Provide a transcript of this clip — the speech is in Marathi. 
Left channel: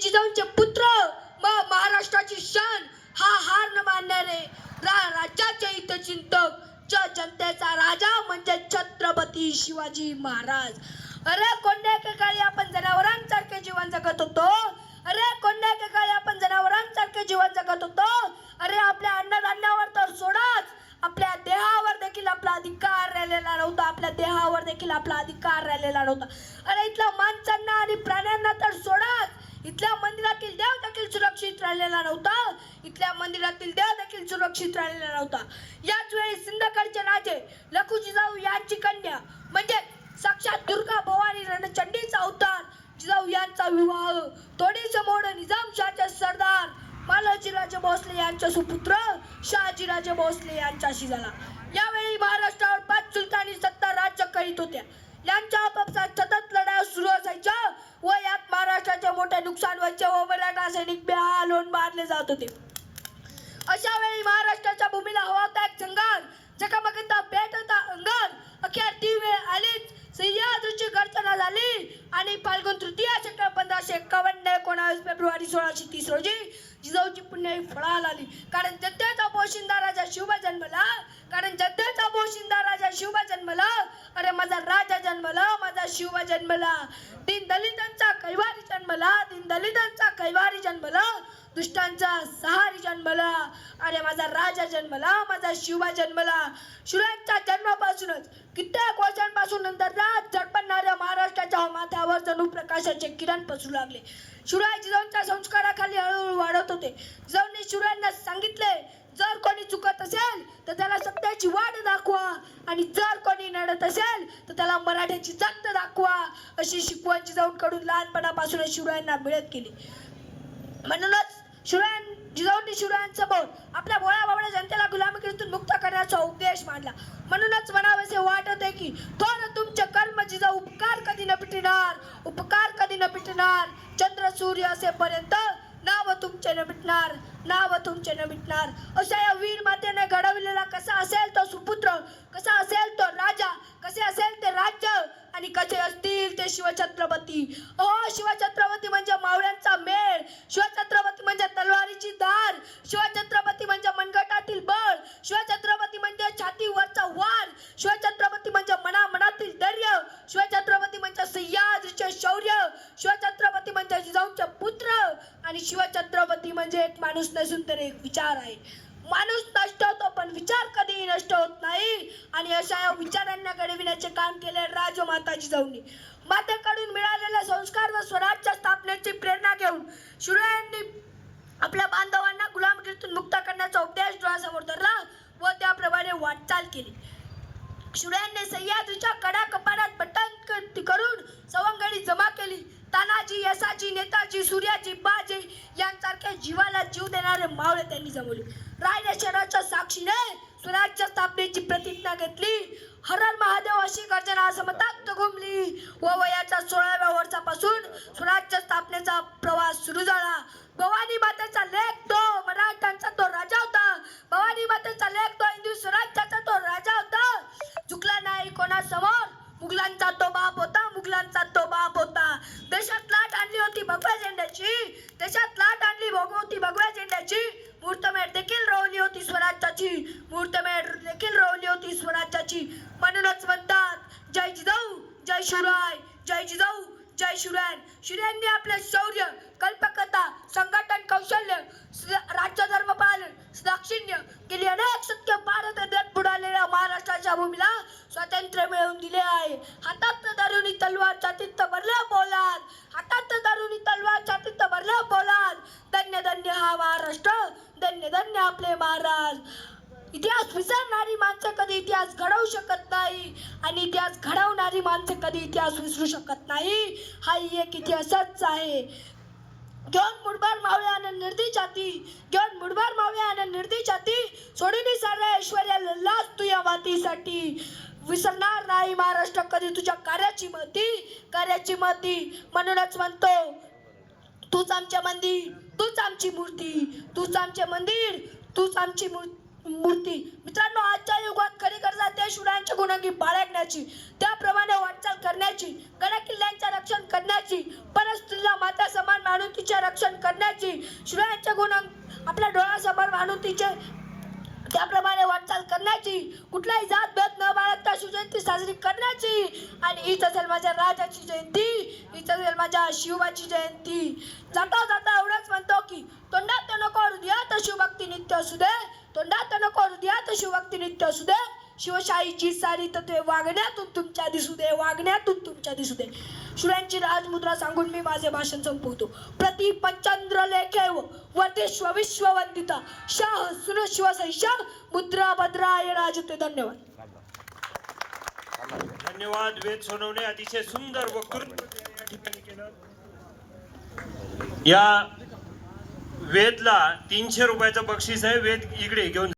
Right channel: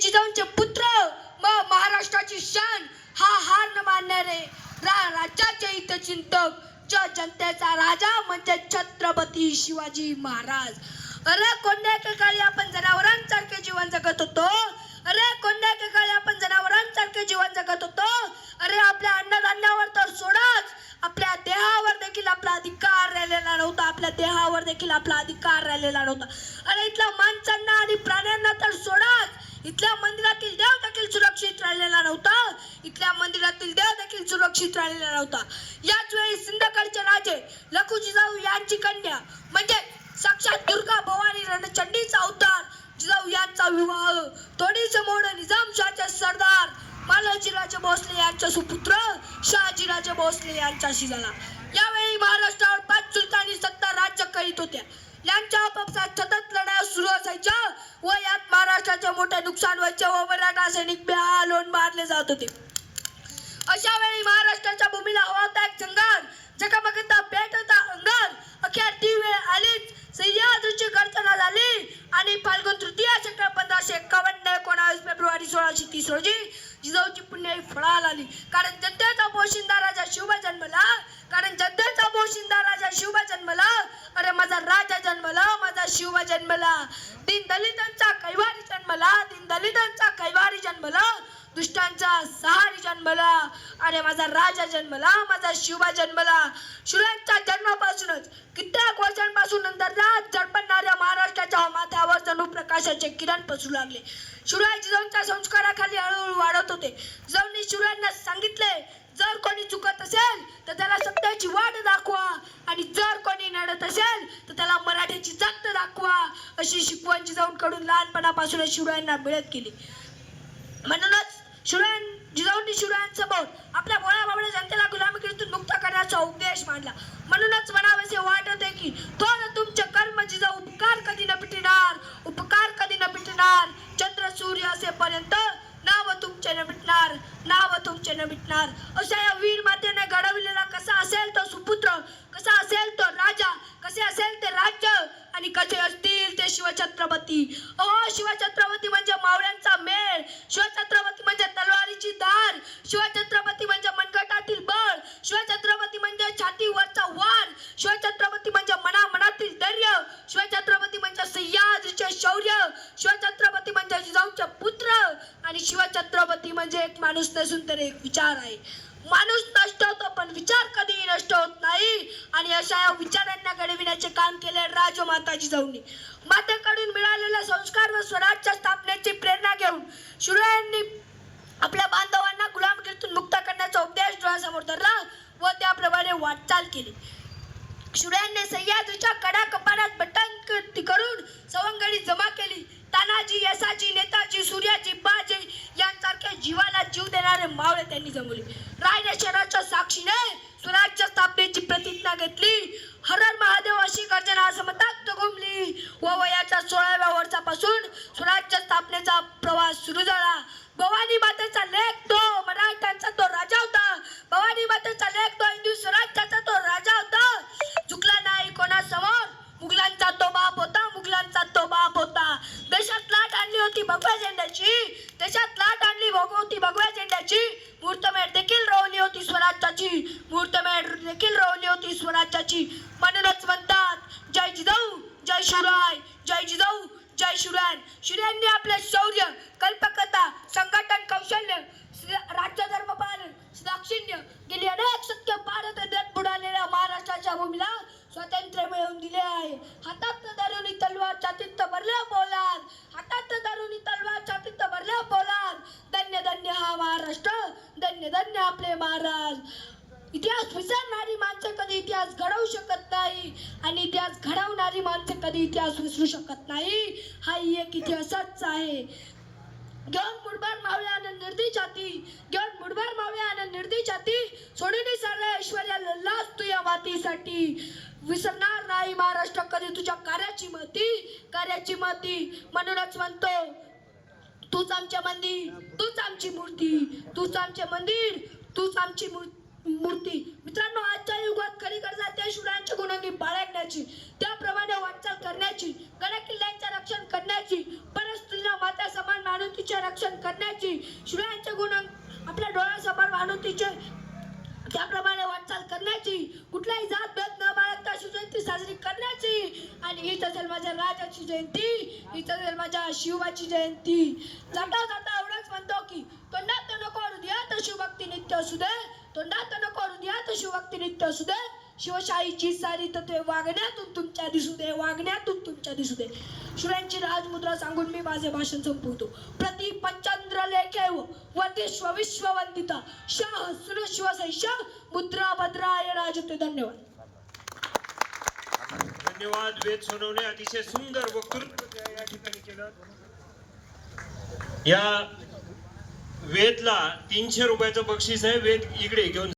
जिजाऊंचे पुत्र महाराष्ट्राची शान हा हार न मानणारे राज्याचे हितचिंतक जनतेचा राजा म्हणजे छत्रपती शिवाजी महाराज. अरे कोणत्या काळी आपण जनावरांसारखे जीवन जगत होतो. अरे कोणत्या काळी आपण जनावरांसारखे जीवन जगत होतो. अरे आपल्या अन्नधान्यावर तर सोडाच, आपल्या देहावर देखील आपला अधिकार राहिलेला नव्हता. आपल्या देहावर देखील आपला अधिकार राहिलेला नव्हता. अरे इथल्या माणसांना आणि प्राण्यांना तर सोडाच, इथल्या मंदिरातील देव देखील सुरक्षित राहिलेला नव्हता. इथल्या मंदिरातील देव देखील सुरक्षित राहिलेला नव्हता. याच वेळी सिंधकडचे राजे लखू जिजाऊ यांची कन्या म्हणजे साक्षात दुर्गा भवानी रणचंडीचा अवतार जिजाऊ यांचा विवाह तोडीचे मोड निजामशाहचे सरदार मालोजीराजे भोसले यांचा सुपुत्र शहाजीराजे भोसले यांच्याशी झाला. यावेळी महाराष्ट्रावर 5 सुलतानी सत्ता राज्य करीत होत्या. यांच्या आपापसात सतत लढाया सुरू असायच्या व यात महाराष्ट्राचे मोठे नुकसान व्हायचे व मराठा सैनिक बेहालून मारले जात होते. अशा वेळी महाराष्ट्राच्या भूमीला हवा होता एक संघार, जगमगता पेट होता अंगार. अखेर ती वेळ आलीच. सह्याद्रीची गर्जना झाली आणि फाल्गुन तृतीया शके 1551 19 फेब्रुवारी 1630 रोजी जिजाऊची पुण्याई फळाला आली. कारण जनतेचा पोशिंदा राजा शिवबा जन्मला. कारण जनतेचा पोशिंदा राजा शिवबा जन्मला. अरे माझा राजा जन्मला, माझा शिवबा जन्मला. दीनदलितांचा कैवारी जन्मला, दीनदलितांचा कैवारी जन्मला. दुष्टांचा सहारी जन्मला. अरे माझा राजा जन्मला, माझा शिवबा जन्मला. शिवरायांच्या जन्मापासूनच कित्येक वर्षांपासून नंतर रात झडपणाऱ्या महाराष्ट्राच्या माथ्यावर जणू प्रकाशाचे किरण पसरू लागले. शिवराय जिजाऊंच्या संस्काराखाली हळूहळू वाढत होते. जिजाऊंनी शिवरायांना सांगितले, जर कोणी चुकत असेल तर त्याला सत्याची वाट दाखवा आणि जर कोणी नडत असेल तर त्याला मराठ्याची जात दाखवा. अशी शिकवण जिजाऊंकडून लहानपणापासूनच शिवरायांना मिळत गेली. म्हणूनच जिजाऊंनी शिवरायांसमोर आपल्या भोळ्या बाबड्या जनतेला गुलामीकीतून मुक्त करण्याचा उपदेश मांडला. म्हणूनच म्हणावेसे वाटते की थोर तुमचे कर्म जिजाऊ, उपकार कधी न पिटणार, उपकार कधी न पिटणार. चंद्र सूर्य असेपर्यंत नाव तुमचे न मिटणार, नाव तुमचे न मिटणार. अशा या वीर मातेने घडविलेला कसा असेल तो सुपुत्र, कसा असेल तो राजा, कसे असेल ते राज्य आणि कसे असतील ते शिवछत्रपती. अहो शिवछत्रपती म्हणजे मावळ्यांचा मेळ, शिवछत्रपती म्हणजे तलवारीची धार, शिवछत्रपती म्हणजे मनगटातील बळ, शिवछत्रपती म्हणजे छातीवरचा वार, शिवछत्रपती म्हणजे मनामनातील धैर्य, शिवछत्रपती म्हणजे सह्याद्रीचे शौर्य, शिवछत्रपती म्हणजे जिजाऊंचे पुत्र आणि शिवछत्रपती म्हणजे एक माणूस नसून तर एक विचार आहे. माणूस नष्ट होतो पण विचार कधीही नष्ट होत नाही. आणि अशा या विचारांना घडविण्याचे काम केले राजमाता जिजाऊंनी. मातेकडून मिळालेले संस्कार व स्वराज्य स्थापनेची प्रेरणा घेऊन शिवरायांनी आपल्या बांधवांना गुलामगिरीतून मुक्त करण्याचा उपदेश डोळ्यासमोर धरला व त्याप्रमाणे वाटचाल केली. शिवरायांनी सह्याद्रीच्या कडा कपारात बटन करून सवंगडी जमा केली. तानाजी, येसाजी, नेताजी, सूर्याजी, बाजी यांसारखे जीवाला जीव देणारे मावळे त्यांनी जमवले. रायरेश्वराच्या साक्षीने स्वराज्य स्थापनेची प्रतिज्ञा घेतली. हर हर महादेव अशी गर्जना समतात घुमली व वयाच्या 16व्या वर्षापासून स्वराज्य स्थापनेचा प्रवास सुरू झाला. भवानी मातेचा लेख तो मराठ्यांचा तो राजा होता. भवानी मातेचा लेख तो हिंदू स्वराज्याचा तो राजा होता. झुकला नाही कोणासमोर. मुघलांचा तो बाप होता, मुघलांचा तो बाप होता. देशात लाट आणली होती भगव्या झेंड्याची, देशात लाट आणली होती भगव्या झेंड्याची. मुहूर्तमेढ देखील रोवली होती स्वराज्याची, मुहूर्तमेढ देखील रोवली होती स्वराज्याची. म्हणूनच म्हणतात जय जिजाऊ, जय शिवराय, जय जिजाऊ, जय शिवराय. शिवरायांनी आपले शौर्य, कल्पकता, संघटन कौशल्य, राज्य धर्म पालन, दाक्षिण्य गेली अनेक सत्य भारत देत बुडालेल्या महाराष्ट्राच्या भूमीला स्वातंत्र्य मिळवून दिले आहे. हातात धरून तलवार छातीत भरल्या पोलाद, हातात धरून तलवार छातीत भरल्या पोलाद. धन्य धन्य हा महाराष्ट्र, धन्य धन्य आपले महाराज. इतिहास विसरणारी माणसं कधी इतिहास घडवू शकत नाही आणि इतिहास घडवणारी माणसं कधी इतिहास विसरू शकत नाही. हा एक इतिहासच आहे. घेऊन मुठभर मावळे आनंद निर्दी छाती, घेऊन मुठभर मावळे आनंद निर्दी छाती. सोडून सारे ऐश्वर्या लल्लास तू या मातीसाठी. विसरणार नाही महाराष्ट्र कधी तुझ्या कार्याची महती, कार्याची महती. म्हणूनच म्हणतो तूच आमचे मंदिर, तूच आमची मूर्ती, तूच आमचे मंदिर, तूच आमची मूर्ती, मूर्ती. मित्रांनो, आजच्या युगात खरी गरज आहे त्या शिवरायांच्या गुणांगी बाळगण्याची, त्याप्रमाणे वाटचाल करण्याची, गडकिल्ल्यांचे रक्षण करण्याची, परस्त्रीला माता समान मानून तिचे रक्षण करण्याची, शिवरायांच्या गुणां आपल्या डोळ्यासमोर मानून तिचे त्याप्रमाणे वाटचाल करण्याची, कुठलाही जात भेद न बाळगता शिवजयंती साजरी करण्याची. आणि हीच असेल माझ्या राजाची जयंती, हीच असेल माझ्या शिवबाची जयंती. जाता जाता एवढंच म्हणतो की तोंडात नको हृदयात शिवभक्ती नित्य असू दे, तोंडात नको हृदयात शिवभक्ती नित्य असू दे. शिवशाहीची सारी तत्वे वागण्यातून तुमच्या दिसू दे, वागण्यातून तुमच्या दिसू दे. शिवरायांची राजमुद्रा सांगून मी माझे भाषण संपवतो. प्रति पंचंद्र लेखेव वर्धिष्व विश्ववंदिता शाह सुर शिवशैषा मुद्रा भद्राय राजते. धन्यवाद. धन्यवाद. वेद सोनवणे अतिशय सुंदर वक्तृत्व या ठिकाणी केलं. या वेदला 300 रुपयाचं बक्षीस आहे. वेद इकडे घेऊन